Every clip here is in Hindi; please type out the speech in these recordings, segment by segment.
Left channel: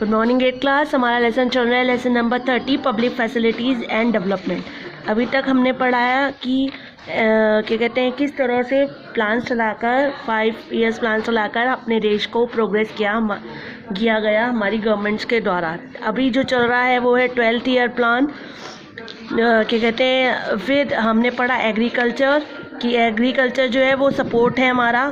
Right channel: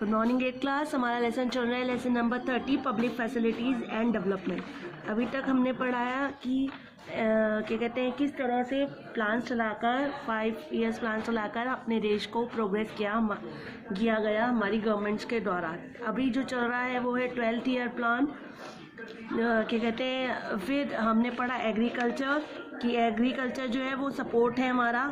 Good morning 8th class. हमारा लेसन चल रहा है lesson number 30 public facilities and development. अभी तक हमने पढ़ाया कि क्या कहते हैं किस तरह से प्लान चलाकर 5 ईयर्स प्लान चलाकर अपने देश को प्रोग्रेस किया गया हमारी गवर्नमेंट्स के द्वारा। अभी जो चल रहा है वो है 12th ईयर प्लान। क्या कहते हैं फिर हमने पढ़ा एग्रीकल्चर कि एग्रीकल्चर जो है वो सपोर्ट है हमारा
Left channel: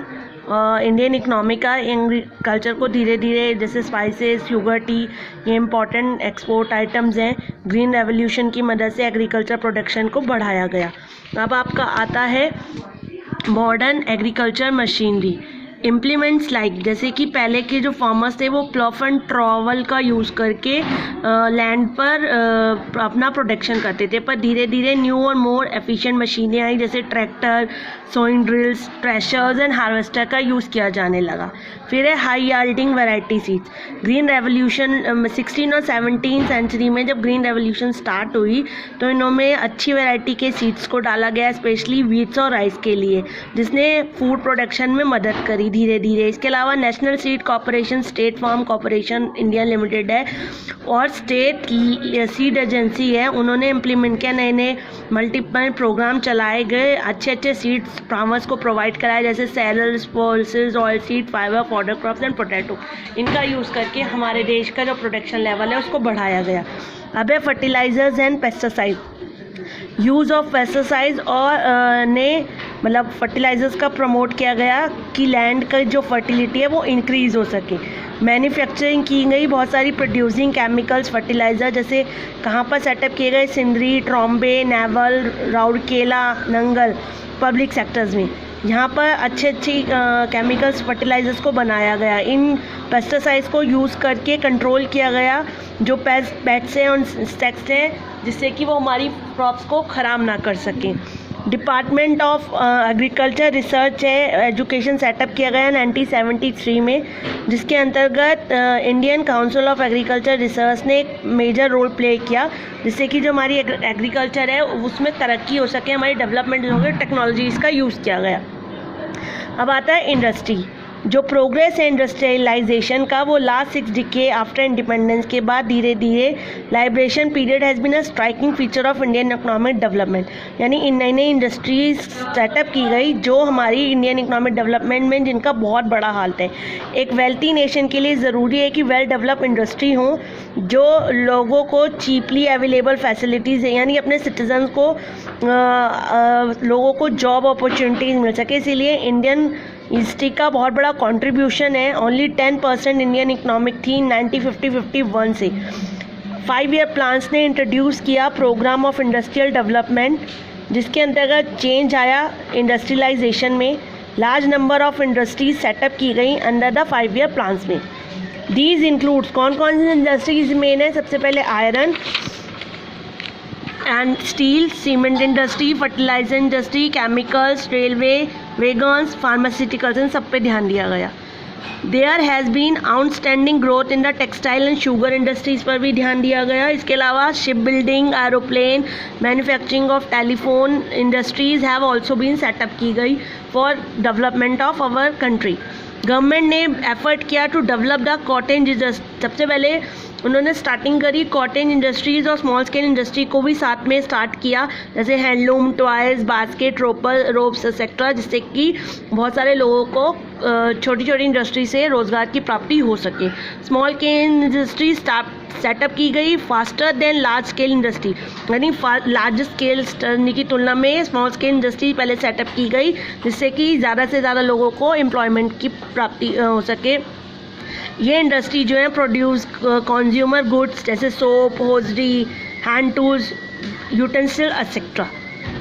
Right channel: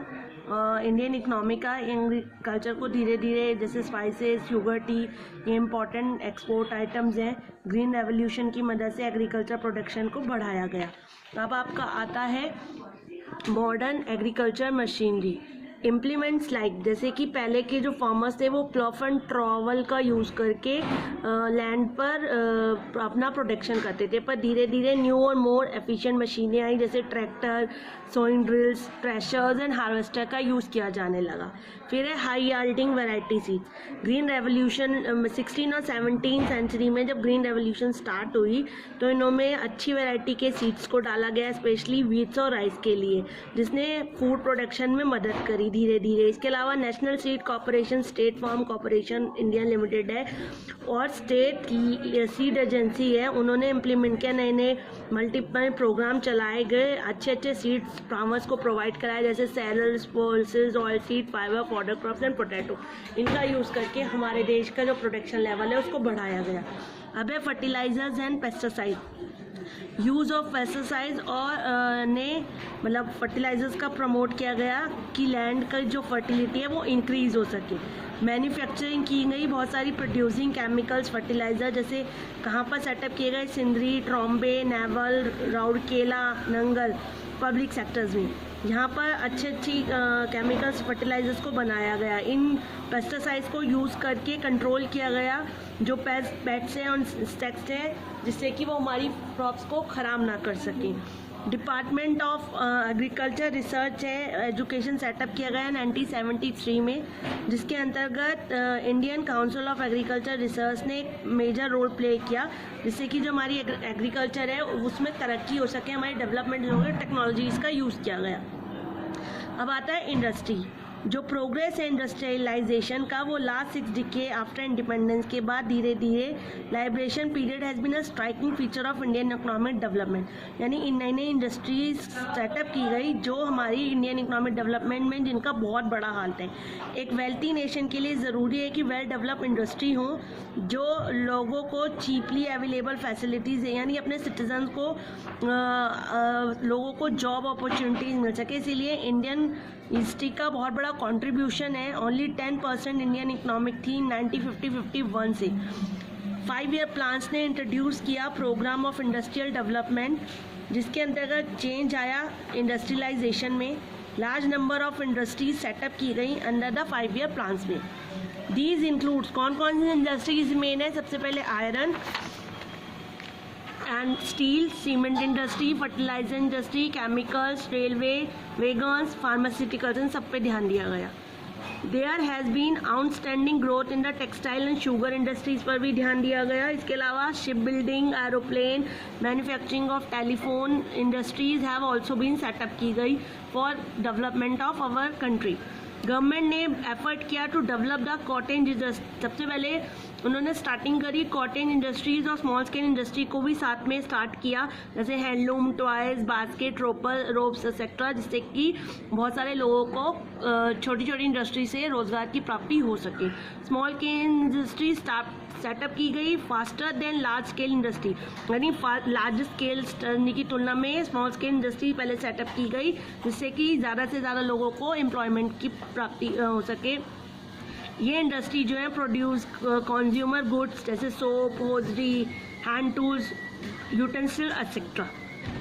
इंडियन इकनॉमी का। एग्रीकल्चर को धीरे धीरे जैसे स्पाइसेस, शुगर, टी ये इम्पॉर्टेंट एक्सपोर्ट आइटम्स हैं। ग्रीन रेवोल्यूशन की मदद से एग्रीकल्चर प्रोडक्शन को बढ़ाया गया। अब आपका आता है modern agriculture machinery implements like जैसे कि पहले के जो फार्मर्स थे वो प्लॉफ एंड ट्रॉवल का यूज़ करके लैंड पर अपना प्रोडक्शन करते थे, पर धीरे धीरे न्यू और मोर एफिशिएंट मशीनें आई जैसे tractor, sowing drills, threshers and harvester का यूज़ किया जाने लगा। फिर है high yielding variety seeds. Green revolution 16 और 17 सेंचुरी में जब ग्रीन रेवोल्यूशन स्टार्ट हुई तो इनमें अच्छी वैरायटी के सीड्स को डाला गया, स्पेशली वीट्स और राइस के लिए, जिसने फूड प्रोडक्शन में मदद करी धीरे धीरे। इसके अलावा national seed corporation, state farm corporation India limited है और स्टेट सीड एजेंसी है, उन्होंने इम्प्लीमेंट किया। नए नए मल्टीपल प्रोग्राम चलाए गए, अच्छे अच्छे सीड्स फार्मर्स को प्रोवाइड कराए जैसे cereals, pulses, oil seed, fibre, fodder crops and potato. इनका यूज़ करके हमारे देश का जो प्रोडक्शन लेवल है उसको बढ़ाया गया। अब है fertilizers and pesticide. Use of pesticides और ने मतलब फर्टिलाइजर्स का प्रमोट किया गया कि लैंड का जो फर्टिलिटी है वो इंक्रीज़ हो सके। मैन्युफैक्चरिंग की गई बहुत सारी प्रोड्यूसिंग केमिकल्स फर्टिलाइज़र, जैसे कहाँ पर सेटअप किए गए, Sindri, Trombay, naval, Rourkela, Nangal public sectors में। यहाँ पर अच्छे केमिकल्स फर्टिलाइजर्स को बनाया गया। इन पेस्टिसाइड्स को यूज़ करके कंट्रोल किया गया जो पेट्स हैं और इंसेक्ट्स हैं, जिससे कि वो हमारी क्रॉप्स को ख़राब ना कर सकें। डिपार्टमेंट ऑफ एग्रीकल्चर रिसर्च है एजुकेशन सेटअप किया गया 1973 में, जिसके अंतर्गत Indian council of agriculture research ने एक मेजर रोल प्ले किया, जिससे कि जो हमारी एग्रीकल्चर है उसमें तरक्की हो सके, हमारी डेवलपमेंट हो सके, टेक्नोलॉजीज़ का यूज़ किया गया। अब आता है इंडस्ट्री। जो प्रोग्रेस है इंडस्ट्रियलाइजेशन का वो लास्ट 6 डिकेड आफ्टर इंडिपेंडेंस के बाद धीरे धीरे liberation period has been a striking feature of Indian economic development. यानी इन नई नई इंडस्ट्रीज सेटअप की गई जो हमारी इंडियन इकोनॉमिक डेवलपमेंट में जिनका बहुत बड़ा हाथ है। एक वेल्थी नेशन के लिए ज़रूरी है कि वेल डेवलप इंडस्ट्री हो जो लोगों को चीपली अवेलेबल फैसिलिटीज़ है, यानी अपने सिटीजन को लोगों को जॉब अपॉर्चुनिटीज़ मिल सके। इसीलिए इंडियन इंडस्ट्री का बहुत बड़ा कंट्रीब्यूशन है। ओनली 10% इंडियन इकोनॉमिक थी 1950-51 से। 5 ईयर प्लान्स ने इंट्रोड्यूस किया प्रोग्राम ऑफ इंडस्ट्रियल डेवलपमेंट, जिसके अंतर्गत चेंज आया इंडस्ट्रियलाइजेशन में। Large number of industries set up की गई अंडर द 5 ईयर प्लान्स में। दीज इंक्लूड्स कौन कौन सी इंडस्ट्रीज मेन है, सबसे पहले iron and steel, cement industry, fertiliser industry, chemicals, railway, wagons, pharmaceuticals, इन सब पे ध्यान दिया गया। There has been outstanding growth in the textile and sugar industries पर भी ध्यान दिया गया। इसके अलावा ship building, aeroplane, manufacturing of telephone industries have also been set up की गई for development of our country. Government ने एफर्ट किया to develop the cottage industry. सबसे पहले उन्होंने स्टार्टिंग करी कॉटेज इंडस्ट्रीज़ और स्मॉल स्केल इंडस्ट्री को भी साथ में स्टार्ट किया, जैसे handloom, toys, basket, ropes etcetera, जिससे कि बहुत सारे लोगों को छोटी छोटी इंडस्ट्री से रोज़गार की प्राप्ति हो सके। स्मॉल स्केल इंडस्ट्री सेटअप की गई faster than large scale industry, यानी लार्ज स्केल की तुलना में स्मॉल स्केल इंडस्ट्री पहले सेटअप की गई, जिससे कि ज़्यादा से ज़्यादा लोगों को एम्प्लॉयमेंट की प्राप्ति हो सके। ये इंडस्ट्री जो है प्रोड्यूस कंज्यूमर गुड्स जैसे soap, hosiery, hand tools, utensil etcetera.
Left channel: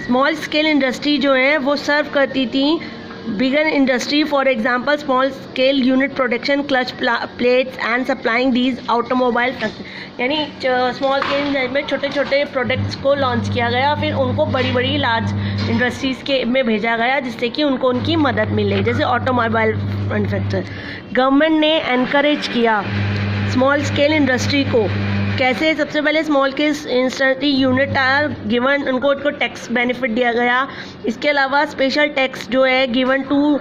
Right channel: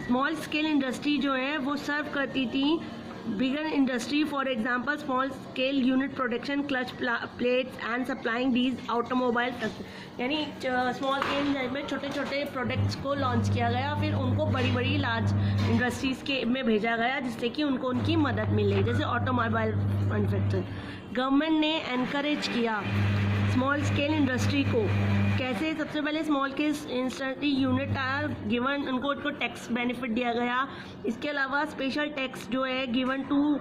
Small scale industry जो है वो सर्व करती थी bigger industry, for example small scale unit production, clutch plates and supplying these automobile. यानी स्मॉल स्केल में छोटे छोटे प्रोडक्ट्स को लॉन्च किया गया, फिर उनको बड़ी बड़ी लार्ज इंडस्ट्रीज़ के में भेजा गया, जिससे कि उनको उनकी मदद मिले, जैसे ऑटोमोबाइल मैन्युफैक्चर। गवर्नमेंट ने एनकरेज किया स्मॉल स्केल इंडस्ट्री को। कैसे? सबसे पहले small scale industry unit are given, उनको टैक्स बेनिफिट दिया गया। इसके अलावा स्पेशल टैक्स जो है given to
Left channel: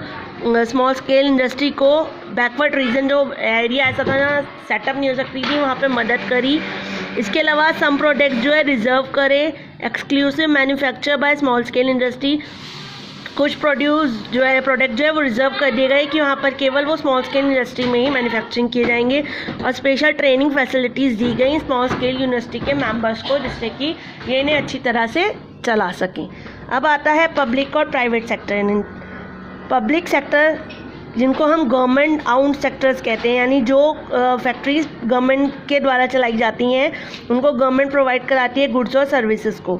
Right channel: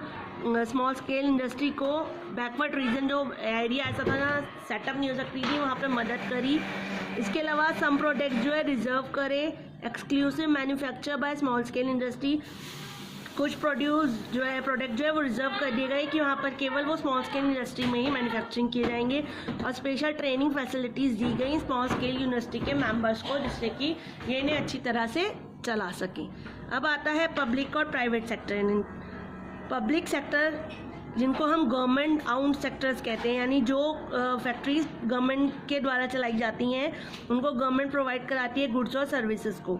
small scale industry को बैकवर्ड रीजन जो एरिया ऐसा था ना सेटअप नहीं हो सकती थी, वहाँ पे मदद करी। इसके अलावा सम प्रोडक्ट जो है रिजर्व करे, exclusive manufacture by small scale industry. कुछ प्रोडक्ट जो है वो रिजर्व कर दिए गए कि वहाँ पर केवल वो स्मॉल स्केल इंडस्ट्री में ही मैन्युफैक्चरिंग किए जाएंगे, और स्पेशल ट्रेनिंग फैसिलिटीज़ दी गई स्मॉल स्केल यूनिवर्सिटी के मेंबर्स को, जिससे कि ये इन्हें अच्छी तरह से चला सकें। अब आता है पब्लिक और प्राइवेट सेक्टर। पब्लिक सेक्टर जिनको हम गवर्नमेंट आउंड सेक्टर्स कहते हैं, यानी जो फैक्ट्रीज गवर्नमेंट के द्वारा चलाई जाती हैं उनको गवर्नमेंट प्रोवाइड कराती है गुड्स और सर्विसेज को।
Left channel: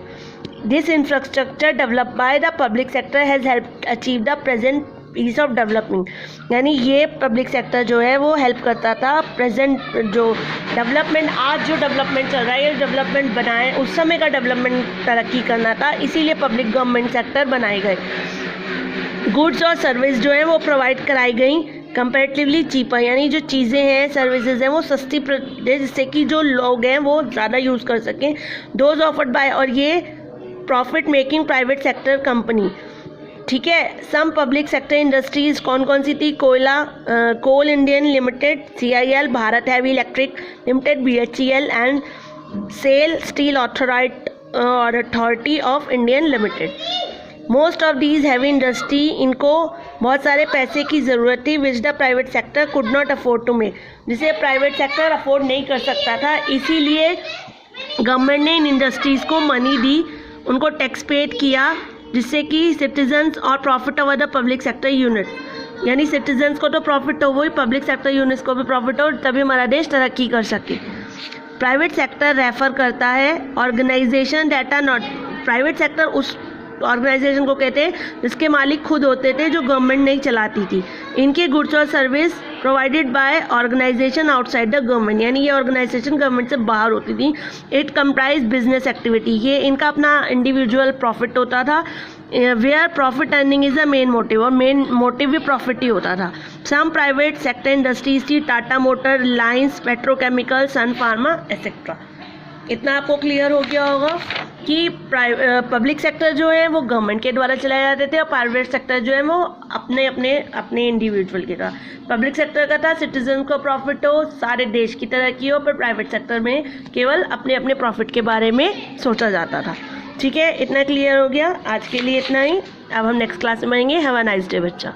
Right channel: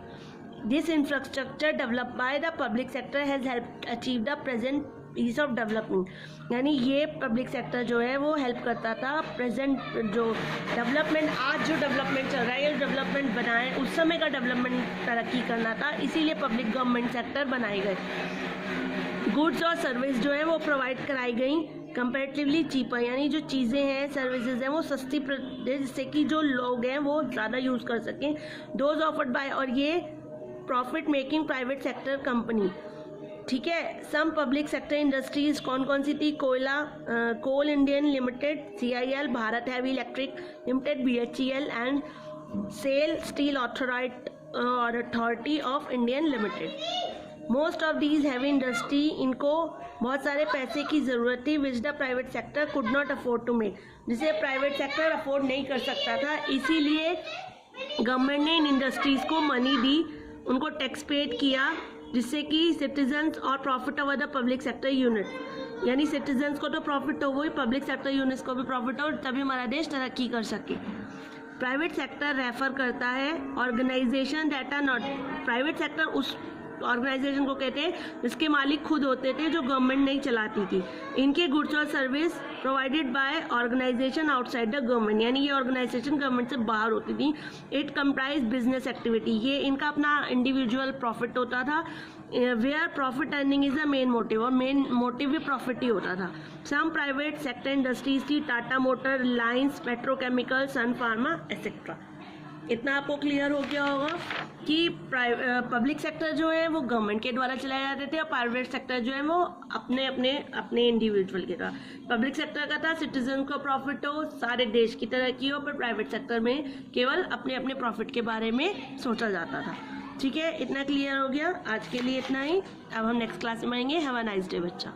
This infrastructure develop by the public sector has help achieve the present piece of development. यानी ये पब्लिक सेक्टर जो है वो हेल्प करता था प्रेजेंट जो डेवलपमेंट, आज जो डेवलपमेंट चल रहा है ये डेवलपमेंट बनाए, उस समय का डेवलपमेंट तरक्की करना था, इसीलिए पब्लिक गवर्नमेंट सेक्टर बनाए गए। गुड्स और सर्विस जो है वो प्रोवाइड कराई गई कंपैरेटिवली चीपर, यानी जो चीज़ें हैं सर्विसेज हैं वो सस्ती जिससे कि जो लोग हैं वो ज़्यादा यूज़ कर सकें। दोज ऑफर्ड बाय, और ये profit making private sector company, ठीक है। सम पब्लिक सेक्टर इंडस्ट्रीज कौन कौन सी थी? Coal Indian limited, CIL, Bharat heavy electric limited, BHEL and SAIL steel authority of Indian limited. Most of these heavy industry, इनको बहुत सारे पैसे की ज़रूरत थी which the private sector could not afford to make, जिसे प्राइवेट सेक्टर अफोर्ड नहीं कर सकता था, इसीलिए गवर्नमेंट ने इन इंडस्ट्रीज़ को मनी दी, उनको टैक्स पेड किया, जिससे कि सिटीजन्स और profit over the public sector unit, यानी सिटीजन्स को तो प्रॉफिट हो, वही पब्लिक सेक्टर यूनिट्स को भी प्रॉफिट हो, तभी हमारा देश तरक्की कर सके। प्राइवेट सेक्टर रेफर करता है organisation data not, private sector उस ऑर्गेनाइजेशन को कहते हैं जिसके मालिक खुद होते थे, जो गवर्नमेंट नहीं चलाती थी। इनके गुड्स और service provided by organisation outside the government, यानी ये ऑर्गेनाइजेशन गवर्नमेंट से बाहर होती थी। इट कंप्राइज बिजनेस एक्टिविटी, ये इनका अपना इंडिविजुअल प्रॉफिट होता था, where profit earning is the main motive, और मेन मोटिव भी प्रॉफिट ही होता था। सम प्राइवेट सेक्टर इंडस्ट्रीज थी Tata motor, reliance petrochemical, sun pharma etcetera. इतना आपको क्लियर हो गया होगा कि पब्लिक सेक्टर जो है वो गवर्नमेंट के द्वारा चलाए जाते थे, और प्राइवेट सेक्टर जो है वो अपने इंडिविजुअल के द्वारा। पब्लिक सेक्टर का था सिटीजन को प्रॉफिट हो, सारे देश की तरक्की हो, पर प्राइवेट सेक्टर में केवल अपने अपने प्रॉफिट के बारे में सोचा जाता था। ठीक है, इतना क्लियर हो गया। आज के लिए इतना ही, अब हम नेक्स्ट क्लास में मिलेंगे। हैव अ नाइस डे बच्चा।